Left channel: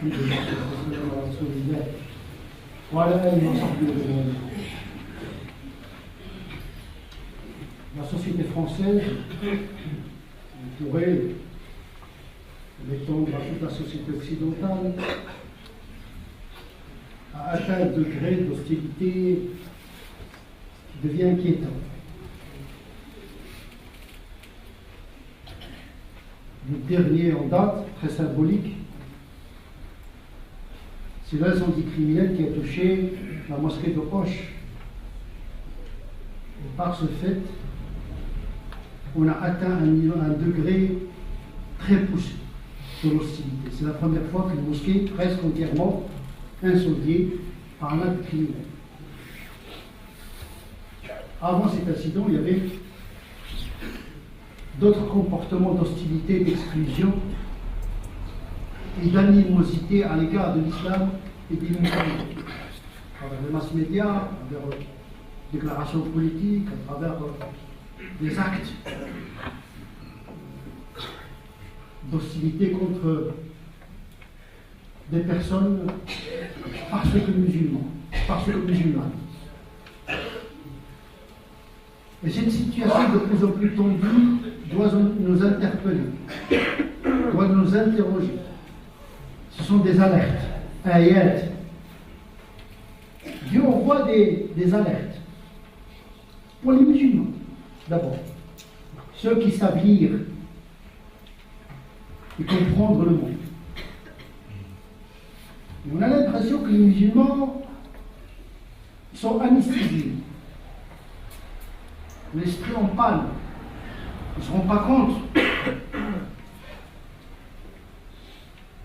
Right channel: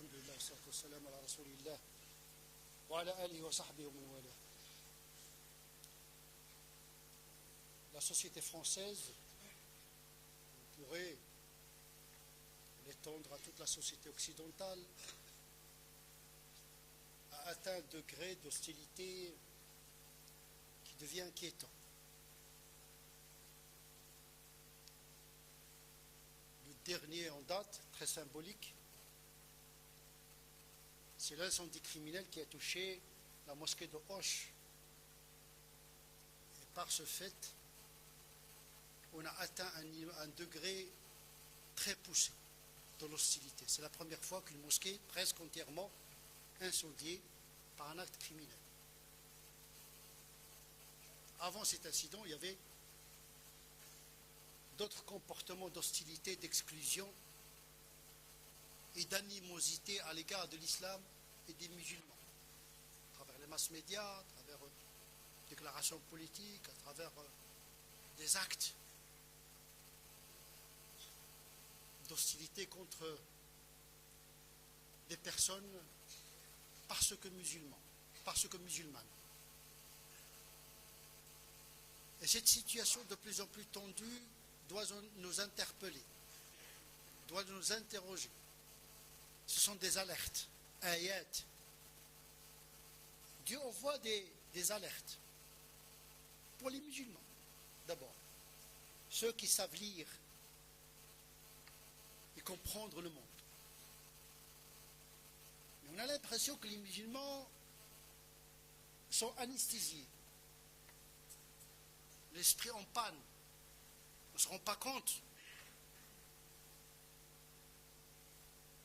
الحمد لله والصلاة والسلام على رسول الله وعلى آله وصحبه أجمعين. La société française, on pourrait l'étendre à toute la société occidentale, a atteint un degré d'hostilité qui devient inquiétant. Le dernier en date, très symbolique, c'est l'incendie criminel qui a touché la mosquée de Hoche. Et par ce fait, on a atteint un degré très poussé de l'hostilité. C'est la première fois qu'une mosquée est presque entièrement incendiée par un acte criminel. Avant cet incident, il y avait d'autres comportements d'hostilité, d'exclusion et d'animosité à l'égard de l'islam et des musulmans. À travers les mass médias, à travers des déclarations politiques, à travers des actes d'hostilité contre des personnes parce que musulmanes. Et cette situation de plus en plus tendue doit nous interpeller, doit nous interroger. Ce sont des alertes, ayat. Dieu envoie des alertes pour les musulmans, d'abord. Ceux qui savent lire et comprendre le monde. Et on a l'impression que les musulmans sont anesthésiés. L'esprit en panne. On ne se rend pas compte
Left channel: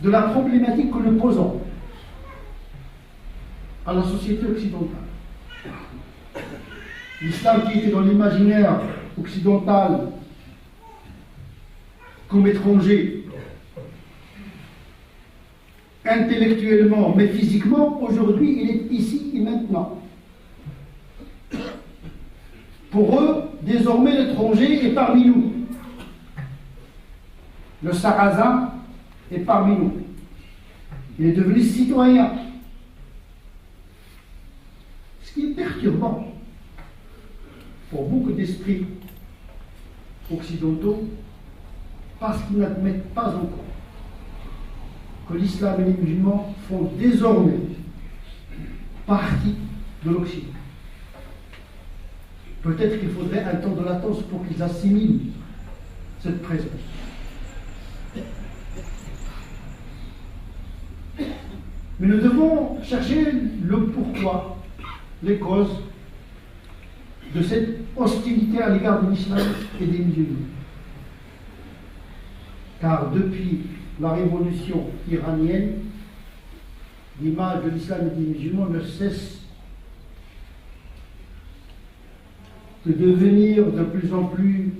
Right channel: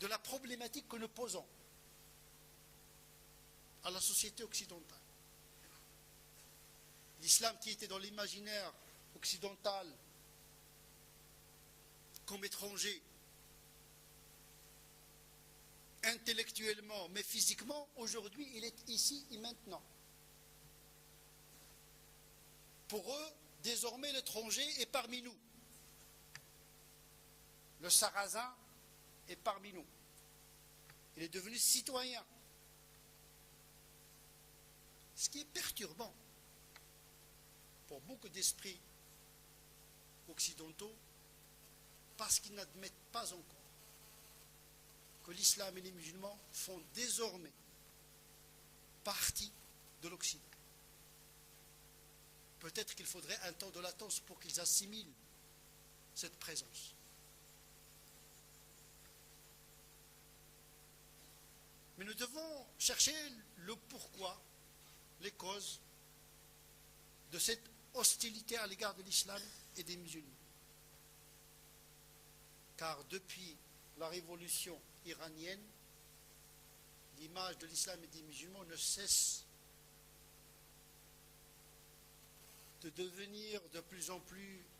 de la problématique que nous posons à la société occidentale. L'islam qui était dans l'imaginaire occidental comme étranger, intellectuellement, mais physiquement, aujourd'hui, il est ici et maintenant. Pour eux, désormais, l'étranger est parmi nous. Le Sarrasin est parmi nous. Il est devenu citoyen. Ce qui est perturbant pour beaucoup d'esprits occidentaux, parce qu'ils n'admettent pas encore que l'islam et les musulmans font désormais partie de l'Occident. Peut-être qu'il faudrait un temps de latence pour qu'ils assimilent cette présence. Mais nous devons chercher le pourquoi, les causes de cette hostilité à l'égard de l'islam et des musulmans. Car depuis la révolution iranienne, l'image de l'islam et des musulmans ne cesse de devenir de plus en plus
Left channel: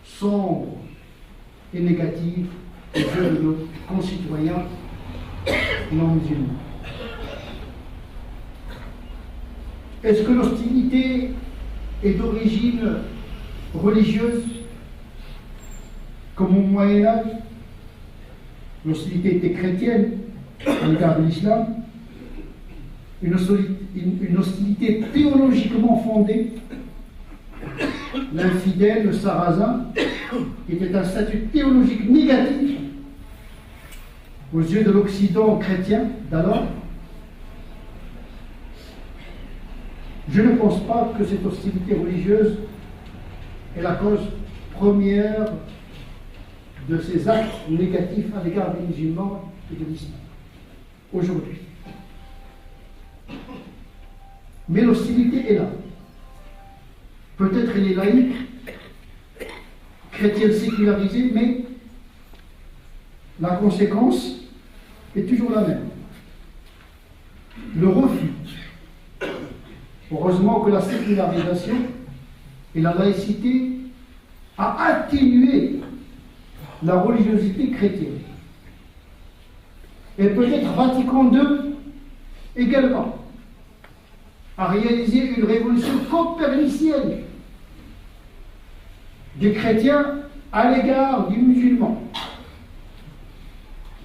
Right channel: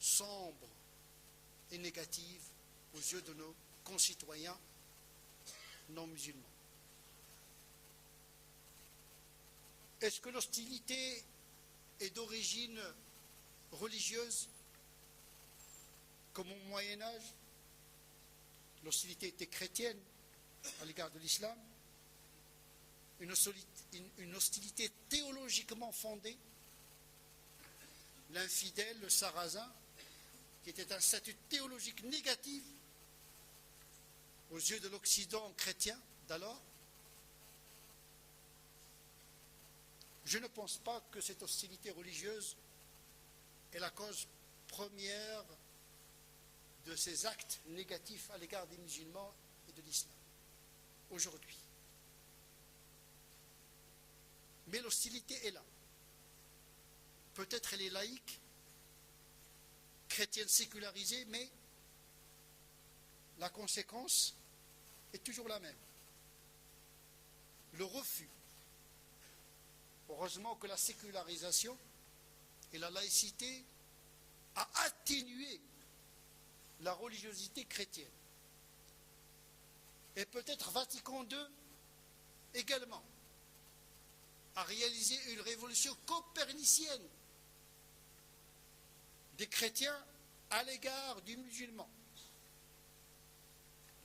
sombre et négative aux yeux de nos concitoyens non musulmans. Est-ce que l'hostilité est d'origine religieuse, comme au Moyen-Âge? L'hostilité était chrétienne à l'égard de l'islam, une hostilité théologiquement fondée. L'infidèle, le sarrasin, qui était un statut théologique négatif aux yeux de l'Occident chrétien d'alors. Je ne pense pas que cette hostilité religieuse est la cause première de ces actes négatifs à l'égard des musulmans et de l'islam aujourd'hui. Mais l'hostilité est là. Peut-être elle est laïque, chrétienne sécularisée, mais la conséquence est toujours la même. Le refus. Heureusement que la sécularisation et la laïcité a atténué la religiosité chrétienne. Et peut-être Vatican II également a réalisé une révolution copernicienne des chrétiens à l'égard du musulman.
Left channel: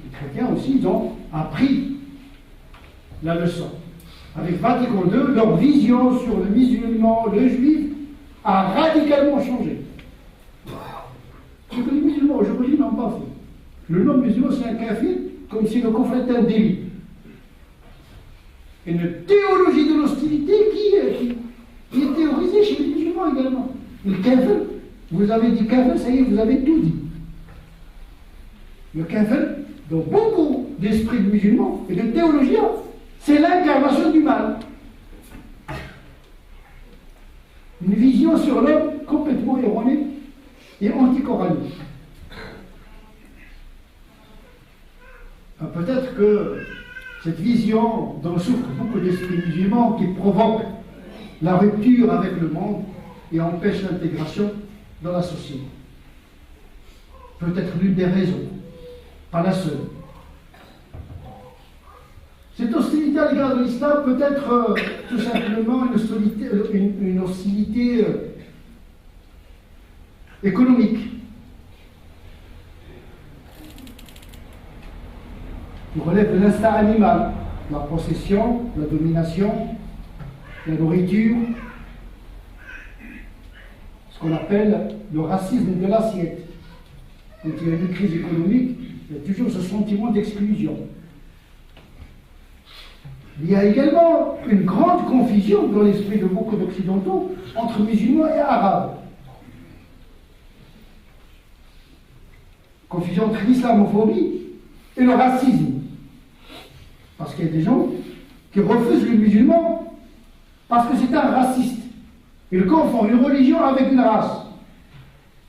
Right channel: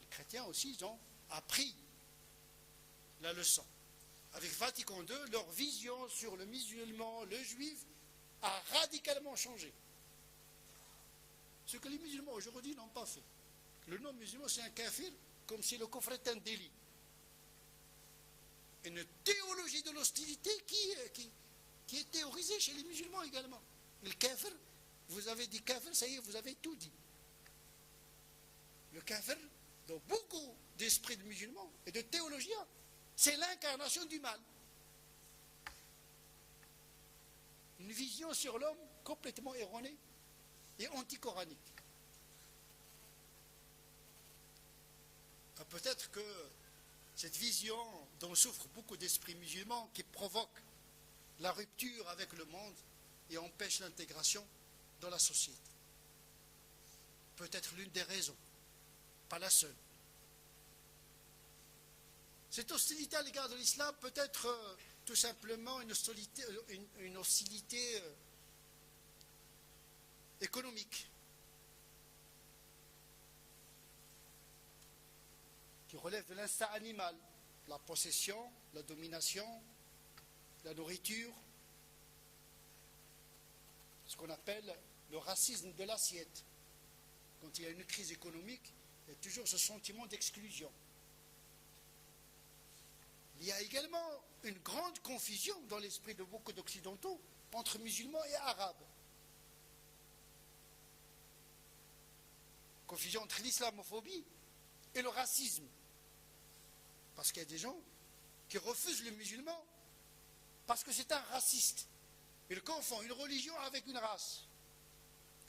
Les chrétiens aussi, ils ont appris la leçon. Avec Vatican II, leur vision sur le musulman, le juif, a radicalement changé. Ce que les musulmans aujourd'hui n'ont pas fait. Le nom musulman, c'est un kafir, comme si le confrontait un délit. Une théologie de l'hostilité qui est théorisée chez les musulmans également. Et le kafir, vous avez dit kafir, ça y est, vous avez tout dit. Le kafir, dans beaucoup d'esprits musulmans et de théologiens, c'est l'incarnation du mal. Une vision sur l'homme complètement erronée et anticoranique. Peut-être que cette vision dont souffrent beaucoup d'esprits musulmans qui provoque la rupture avec le monde et empêche l'intégration dans la société. Peut-être l'une des raisons, pas la seule. Cette hostilité à l'égard de l'islam peut être tout simplement une hostilité économique, qui relève de l'instinct animal, la possession, la domination, la nourriture, ce qu'on appelle le racisme de l'assiette. Quand il y a une crise économique, il y a toujours ce sentiment d'exclusion. Il y a également une grande confusion dans l'esprit de beaucoup d'Occidentaux entre musulmans et arabes. Confusion entre l'islamophobie et le racisme. Parce qu'il y a des gens qui refusent le musulman parce que c'est un raciste. Ils confondent une religion avec une race.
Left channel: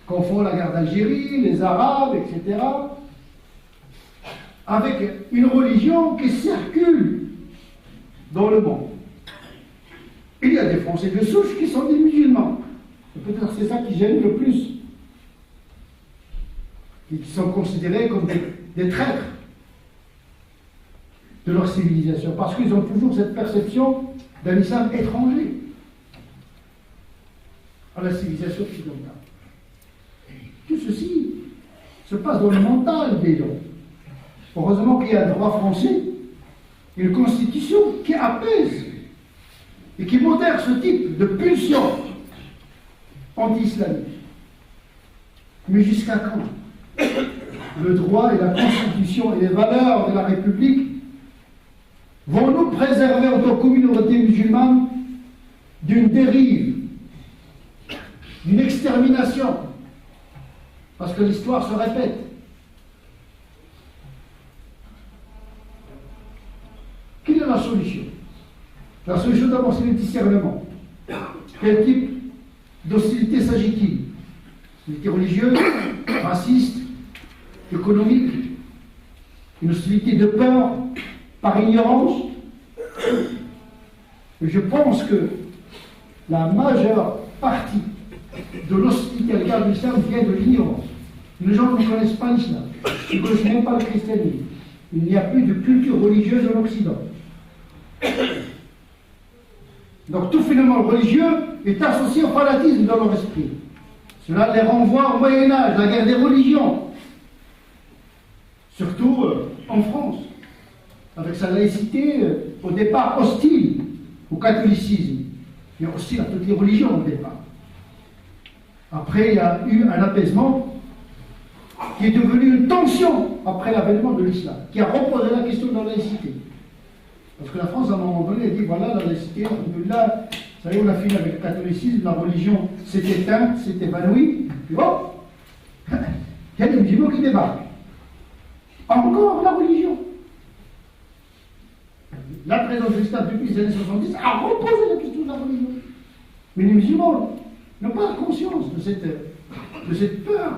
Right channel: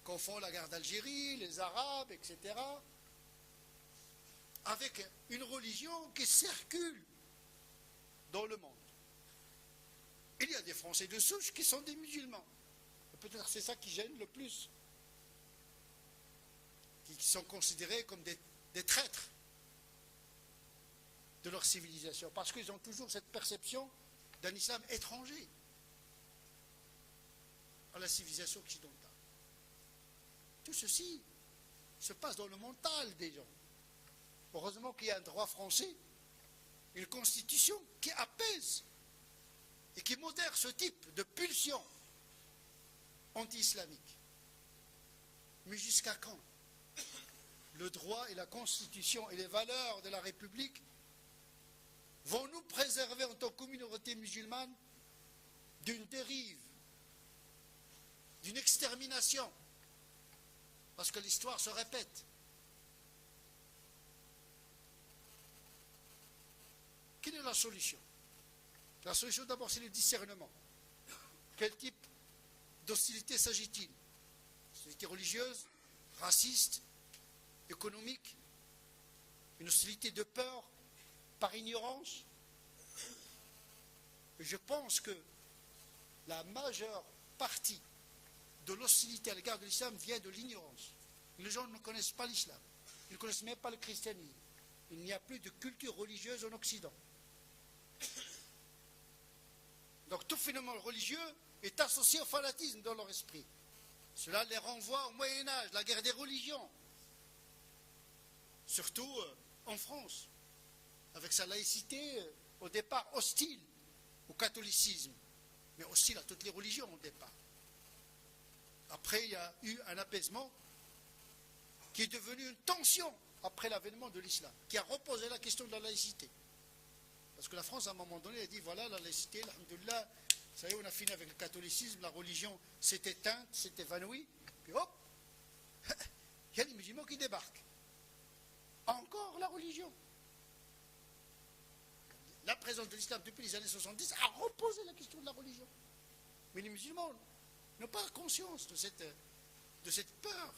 Ils confondent la guerre d'Algérie, les Arabes, etc. avec une religion qui circule dans le monde. Il y a des Français de souche qui sont des musulmans. Et peut-être c'est ça qui gêne le plus. Qui sont considérés comme des traîtres de leur civilisation, parce qu'ils ont toujours cette perception d'un islam étranger à la civilisation occidentale. Tout ceci se passe dans le mental des gens. Heureusement qu'il y a un droit français, une constitution qui apaise et qui modère ce type de pulsion anti-islamique. Mais jusqu'à quand le droit et la constitution et les valeurs de la République vont nous préserver en tant que communauté musulmane d'une dérive, d'une extermination? Parce que l'histoire se répète. Quelle est la solution? La solution, d'abord, c'est le discernement. Quel type d'hostilité s'agit-il? Hostilité religieuse, raciste, économique, une hostilité de peur, par ignorance? Et je pense que la majeure partie de l'hostilité à l'égard de l'islam vient de l'ignorance. Les gens ne connaissent pas l'islam, ils ne connaissent même pas le christianisme. Il n'y a plus de culture religieuse en Occident. Donc tout phénomène religieux est associé au fanatisme dans leur esprit. Cela les renvoie au Moyen-Âge, la guerre des religions. Surtout en France, avec sa laïcité au départ hostile au catholicisme, mais aussi à toutes les religions au départ. Après, il y a eu un apaisement qui est devenu une tension après l'avènement de l'islam, qui a reposé la question de la laïcité. Parce que la France, à un moment donné, a dit voilà, la laïcité, là, vous savez, on a fini avec le catholicisme, la religion s'est éteinte, s'est évanouie, puis hop, il y a des musulmans qui débarquent. Encore la religion. La présidente de l'islam depuis les années 70 a reposé la question de la religion. Mais les musulmans n'ont pas conscience de cette peur.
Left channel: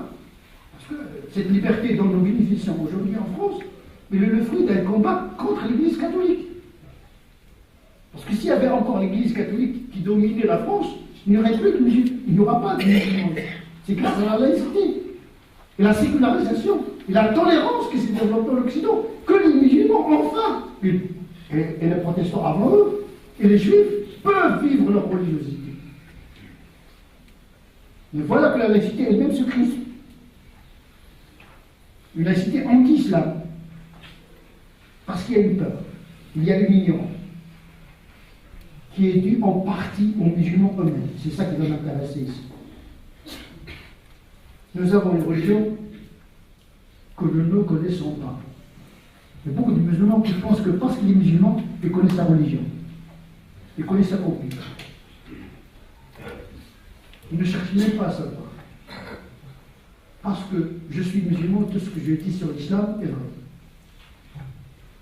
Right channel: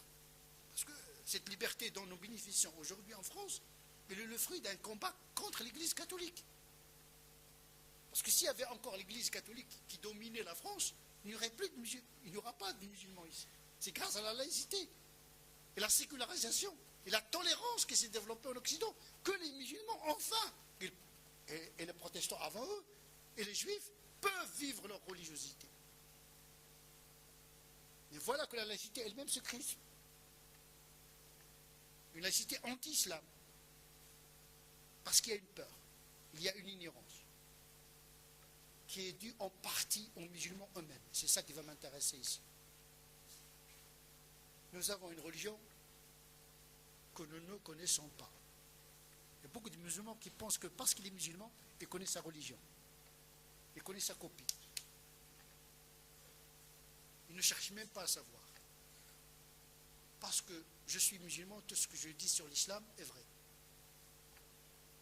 Parce que cette liberté dont nous bénéficions aujourd'hui en France est le fruit d'un combat contre l'Église catholique. Parce que s'il y avait encore l'Église catholique qui dominait la France, il n'y aurait plus de musulmans. Il n'y aura pas de musulmans. C'est grâce à la laïcité, et la sécularisation, et la tolérance qui s'est développée en Occident, que les musulmans, enfin, et les protestants avant eux, et les juifs, peuvent vivre leur religiosité. Mais voilà que la laïcité elle-même se crispe. Une laïcité anti-islam. Parce qu'il y a une peur, il y a une ignorance, qui est due en partie aux musulmans eux-mêmes. C'est ça qui va m'intéresser ici. Nous avons une religion que nous ne connaissons pas. Il y a beaucoup de musulmans qui pensent que parce qu'ils sont musulmans, ils connaissent la religion. Ils connaissent la copie. Ils ne cherchent même pas à savoir. Parce que je suis musulman, tout ce que je dis sur l'islam est vrai.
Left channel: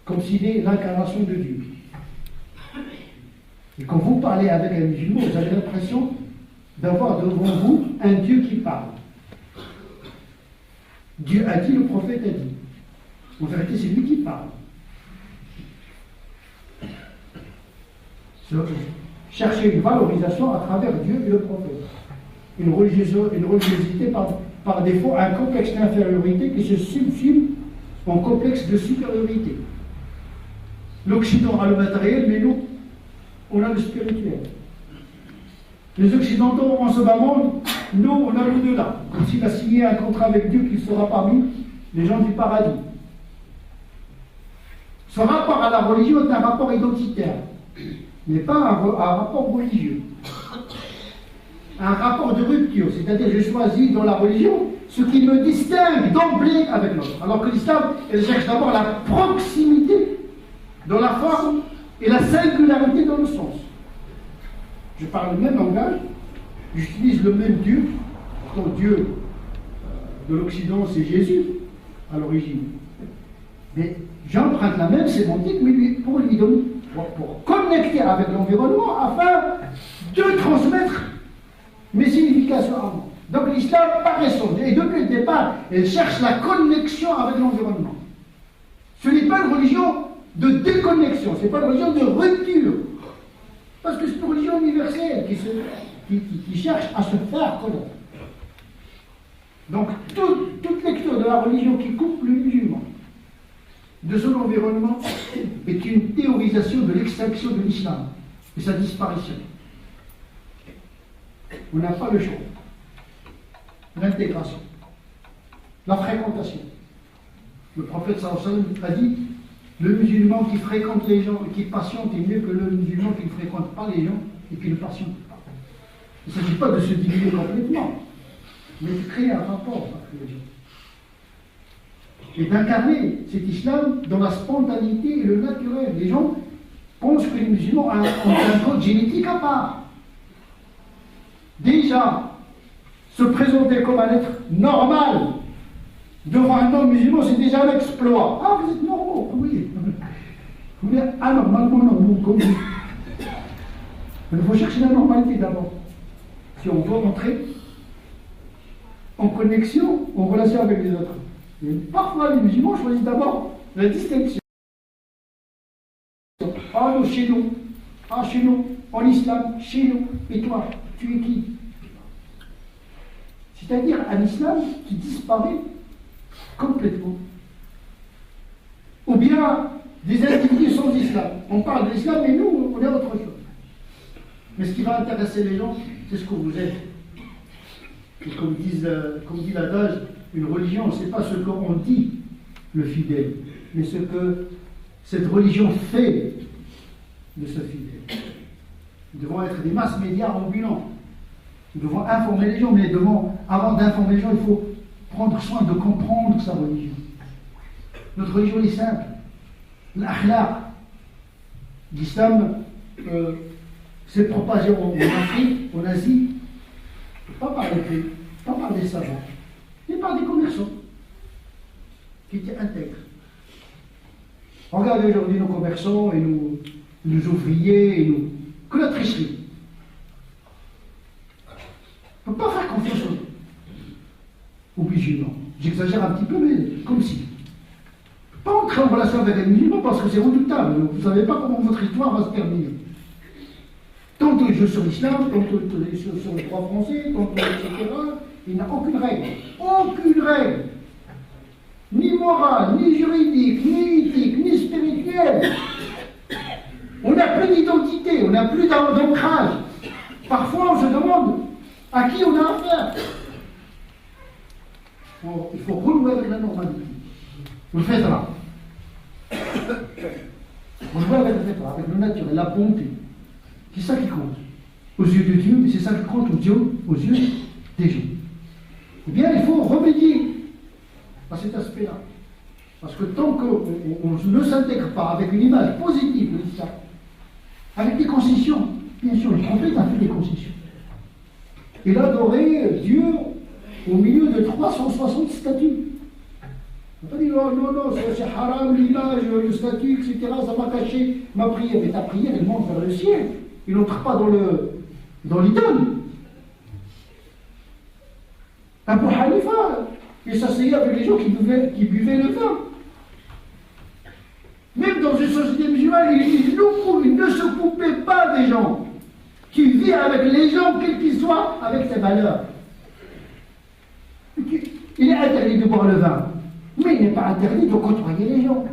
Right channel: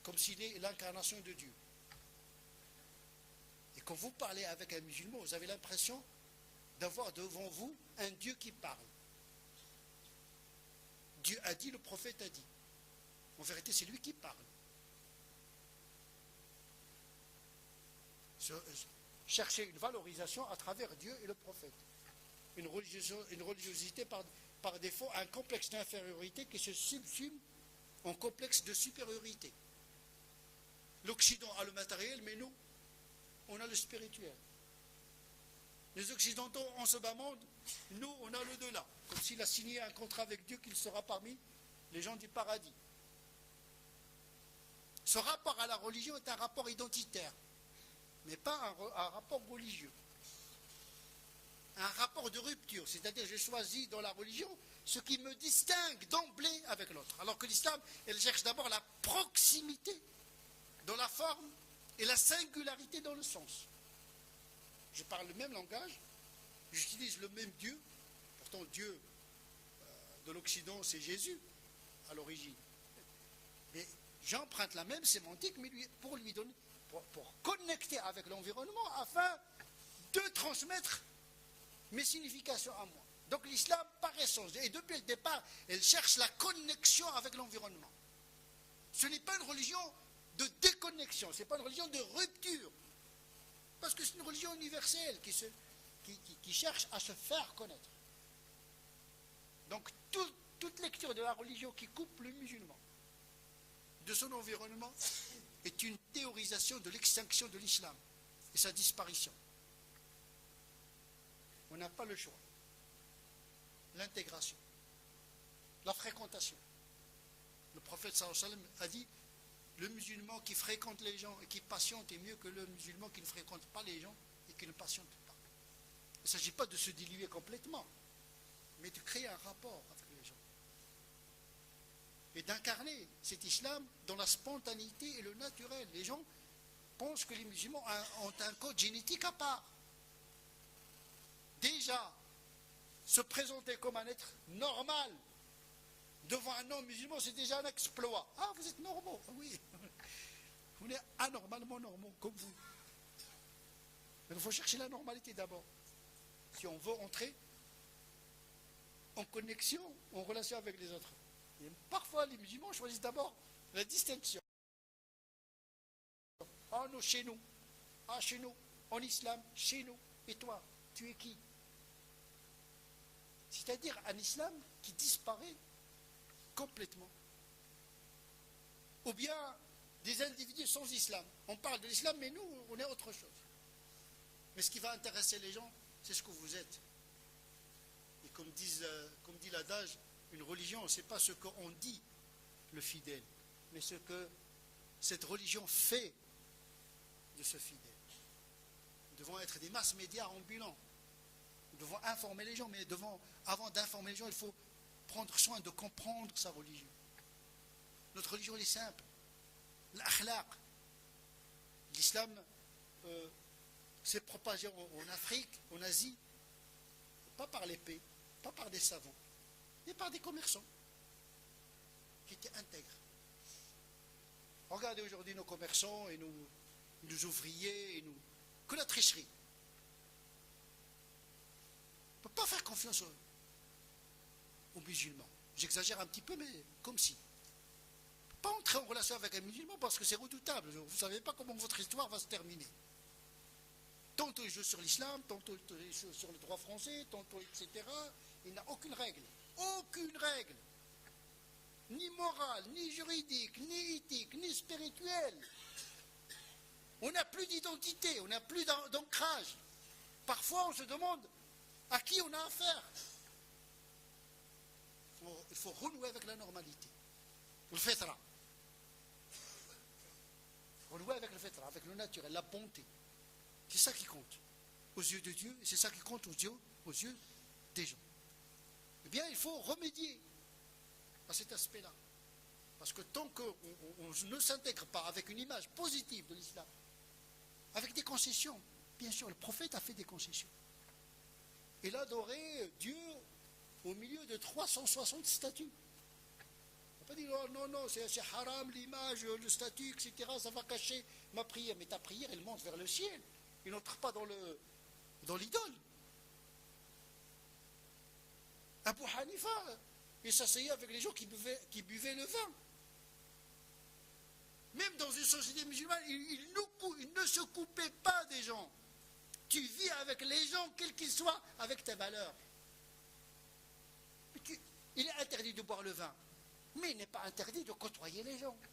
Comme s'il est l'incarnation de Dieu. Et quand vous parlez avec un musulman, vous avez l'impression d'avoir devant vous un Dieu qui parle. Dieu a dit, le prophète a dit. En vérité, c'est lui qui parle. Chercher une valorisation à travers Dieu et le prophète. Une religiosité par défaut, un complexe d'infériorité qui se subsume en complexe de supériorité. L'Occident a le matériel, mais nous, on a le spirituel. Les Occidentaux en ce bas monde, nous, on a l'au-delà. Comme s'il a signé un contrat avec Dieu qui sera parmi les gens du paradis. Ce rapport à la religion est un rapport identitaire, mais pas un rapport religieux. Un rapport de rupture, c'est-à-dire je choisis dans la religion ce qui me distingue d'emblée avec l'autre. Alors que l'islam, elle cherche d'abord la proximité dans la forme et la singularité dans le sens. Je parle le même langage, j'utilise le même Dieu. Pourtant, Dieu de l'Occident, c'est Jésus à l'origine. Mais j'emprunte la même sémantique, mais pour connecter avec l'environnement afin de transmettre mes significations à moi. Donc l'islam, par essence, et depuis le départ, elle cherche la connexion avec l'environnement. Ce n'est pas une religion de déconnexion, ce n'est pas une religion de rupture. Parce que c'est une religion universelle qui cherche à se faire connaître. Donc toute lecture de la religion qui coupe le musulman de son environnement est une théorisation de l'extinction de l'islam et sa disparition. On n'a pas le choix. L'intégration, la fréquentation. Le prophète sallallahu alayhi wa sallam a dit le musulman qui fréquente les gens et qui patiente est mieux que le musulman qui ne fréquente pas les gens et qui ne patiente pas. Il ne s'agit pas de se diminuer complètement, mais de créer un rapport avec les gens. Et d'incarner cet islam dans la spontanéité et le naturel. Les gens pensent que les musulmans ont un code génétique à part. Déjà, se présenter comme un être normal devant un homme musulman, c'est déjà un exploit. Ah, vous êtes normaux, oui. Vous êtes anormalement normaux, comme vous. Mais il faut chercher la normalité d'abord. Si on veut rentrer en connexion, en relation avec les autres. Et parfois, les musulmans choisissent d'abord la distinction. Ah, nous, chez nous. Ah, chez nous. En islam, chez nous. Et toi, tu es qui? C'est-à-dire un islam qui disparaît complètement. Ou bien des individus sans islam. On parle de l'islam, mais nous, on est autre chose. Mais ce qui va intéresser les gens, c'est ce que vous êtes. Et comme dit l'adage, une religion, ce n'est pas ce qu'on dit, le fidèle, mais ce que cette religion fait de ce fidèle. Nous devons être des masses médias ambulants. Nous devons informer les gens, mais avant d'informer les gens, il faut prendre soin de comprendre sa religion. Notre religion est simple. L'akhlaq. L'islam s'est propagé en Afrique, en Asie, pas par les pays, pas par des savants, mais par des commerçants qui étaient intègres. Regardez aujourd'hui nos commerçants et nos ouvriers, que la tricherie. On ne peut pas faire confiance aux musulmans. J'exagère un petit peu, mais comme si. Pas entrer en relation avec les musulmans parce que c'est redoutable. Vous ne savez pas comment votre histoire va se terminer. Tantôt je sur l'islam, tantôt sur le droit français, tantôt etc. Il n'y a aucune règle. Aucune règle. Ni morale, ni juridique, ni éthique, ni spirituelle. On n'a plus d'identité, on n'a plus d'ancrage. Parfois on se demande à qui on a affaire. Il faut renouer avec la normalité. Vous faites là. On joue avec le fait, avec le naturel, la bonté. C'est ça qui compte. Aux yeux de Dieu, c'est ça qui compte aux yeux des gens. Eh bien, il faut remédier à cet aspect-là. Parce que tant qu'on ne s'intègre pas avec une image positive de l'islam, avec des concessions, bien sûr, le prophète a fait des concessions. Il a adoré Dieu au milieu de 360 statues. On a dit non, c'est haram, l'image, le statut, etc., ça m'a caché ma prière. Mais ta prière, elle monte vers le ciel. Il n'entre pas dans l'idole. Abu Hanifa, il s'asseyait avec les gens qui buvaient le vin. Même dans une société musulmane, il ne se coupait pas des gens. Tu vis avec les gens, quels qu'ils soient, avec tes valeurs. Il est interdit de boire le vin, mais il n'est pas interdit de côtoyer les gens.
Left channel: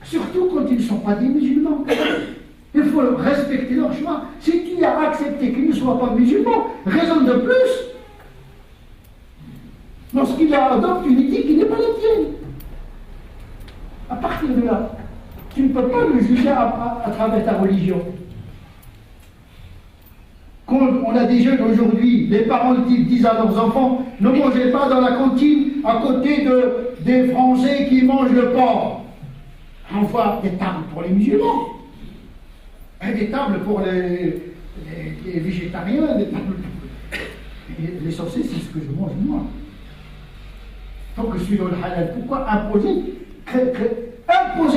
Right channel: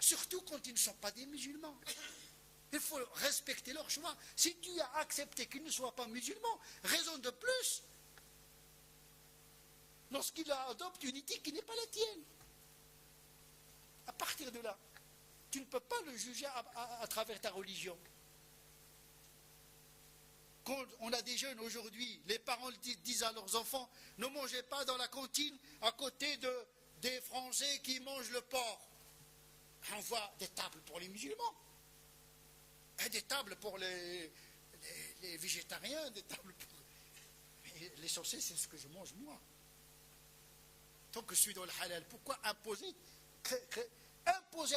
Surtout quand ils ne sont pas des musulmans. Il faut respecter leur choix. Si tu as accepté qu'ils ne soient pas musulmans, raison de plus lorsqu'il adopte une éthique qui n'est pas la tienne. À partir de là, tu ne peux pas le juger à travers ta religion. Quand on a des jeunes aujourd'hui, les parents disent à leurs enfants, ne mangez pas dans la cantine à côté des Français qui mangent le porc. On voit des tables pour les musulmans, et des tables pour les végétariens, des tables pour les sorciers, c'est ce que je mange moi. Donc je suis dans le halal. Pourquoi imposer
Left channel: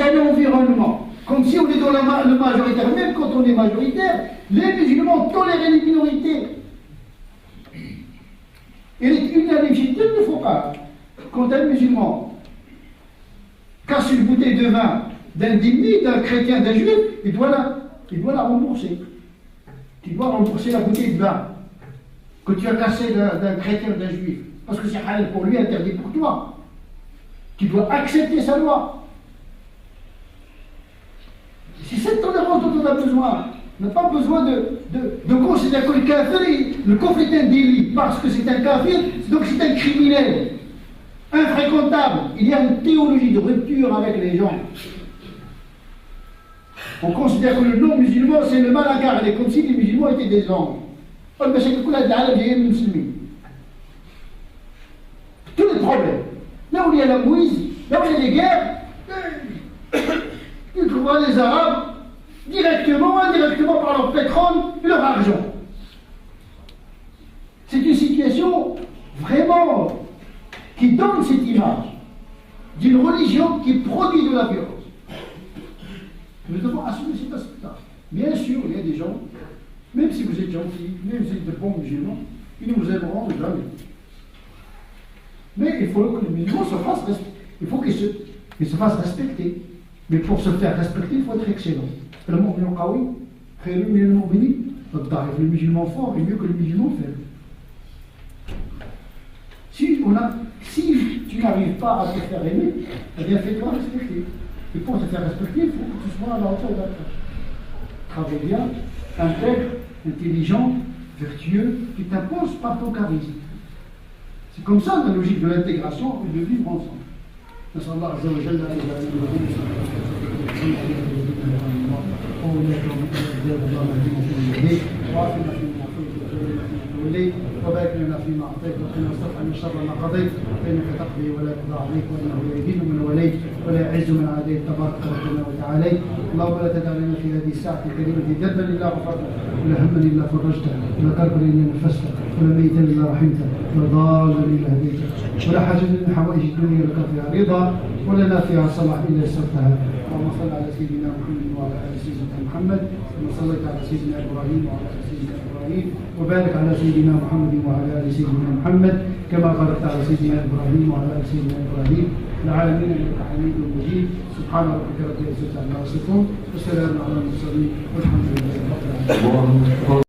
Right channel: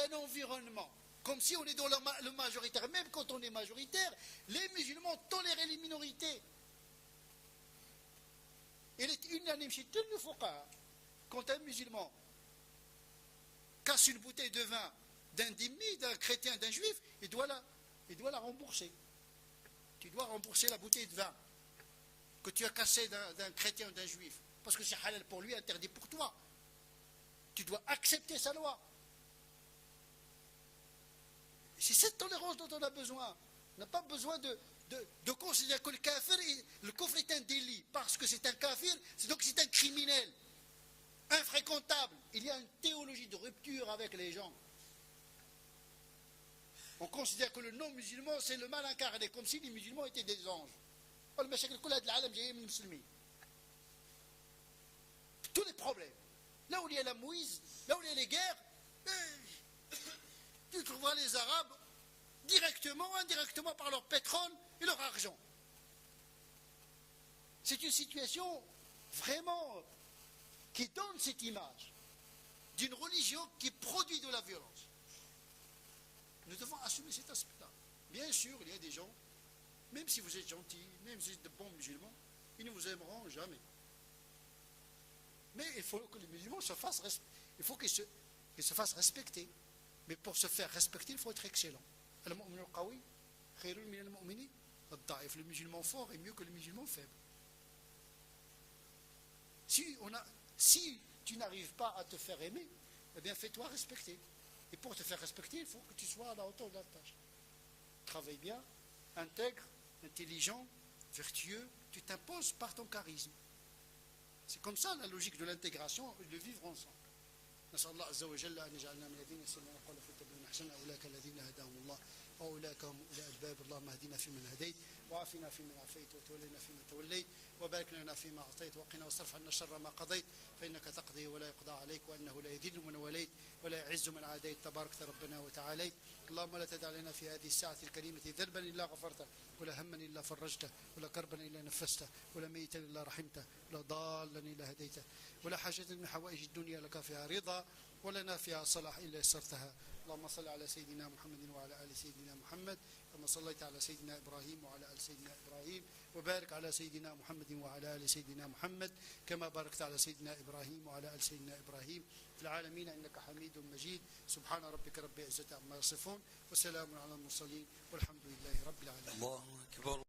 un environnement comme si on est dans le majoritaire, même quand on est majoritaire, les musulmans tolèrent les minorités. Et l'unanimité il ne faut pas. Quand un musulman casse une bouteille de vin d'un dhimmi, d'un chrétien, d'un juif, il doit la rembourser. Il doit rembourser la bouteille de vin que tu as cassée d'un chrétien, d'un juif. Parce que c'est halal pour lui, interdit pour toi. Tu dois accepter sa loi. C'est cette tolérance dont on a besoin. On n'a pas besoin de considérer que le kafir, le kufr est un délit, parce que c'est un kafir, donc c'est un criminel, infréquentable. Il y a une théologie de rupture avec les gens. On considère que le non-musulman, c'est le mal à garder, comme si les musulmans étaient des anges. Tous les problèmes. Là où il y a la mouise, là où il y a des guerres, tu trouveras les Arabes directement ou indirectement par leur pétrole et leur argent. C'est une situation vraiment qui donne cette image d'une religion qui produit de la violence. Nous devons assumer cet aspect-là. Bien sûr, il y a des gens, même si vous êtes gentils, même si vous êtes de bons musulmans, ils ne vous aimeront jamais. Mais il faut que les musulmans se fassent respecter. Il faut qu'ils se fassent respecter. Mais pour se faire respecter, il faut être excellent. Le musulman fort est mieux que le musulman faible. Si tu n'arrives pas à te faire aimer, eh bien fais-toi respecter. Et pour te faire respecter, il faut que tu sois à la hauteur de la tâche. Travaille bien, intègre, intelligent, vertueux, tu t'imposes par ton charisme. C'est comme ça la logique de l'intégration et de vivre ensemble. نسأل الله عز وجل أن يجعلنا من وعافنا فيما عافيت وتولنا فيما توليت وبارك لنا فيما أعطيت وقنا واصرف عنا شر ما قضيت فإنك تقضي ولا يقضى عليك وإنه لا يذل من وليت ولا يعز من عاديت تبارك ربنا وتعالى اللهم لا تدع لنا في هذه الساعة الكريمة ذنبا إلا غفرته ولا هما إلا فرجته ولا كربا إلا نفسته ولا ميتا إلا رحمته ولا ضالا إلا هديته ولا حاجة من حوائج الدنيا لك فيها رضا ولنا فيها صلاح إلا يسرتها اللهم صل على سيدنا محمد وعلى آل سيدنا محمد كما صليت على سيدنا إبراهيم وعلى آل سيدنا إبراهيم وبارك على سيدنا محمد وعلى آل سيدنا محمد كما باركت على سيدنا إبراهيم وعلى آل سيدنا إبراهيم في العالمين إنك حميد مجيد سبحان ربك رب العزة عما يصفون وسلام على المرسلين والحمد لله رب العالمين.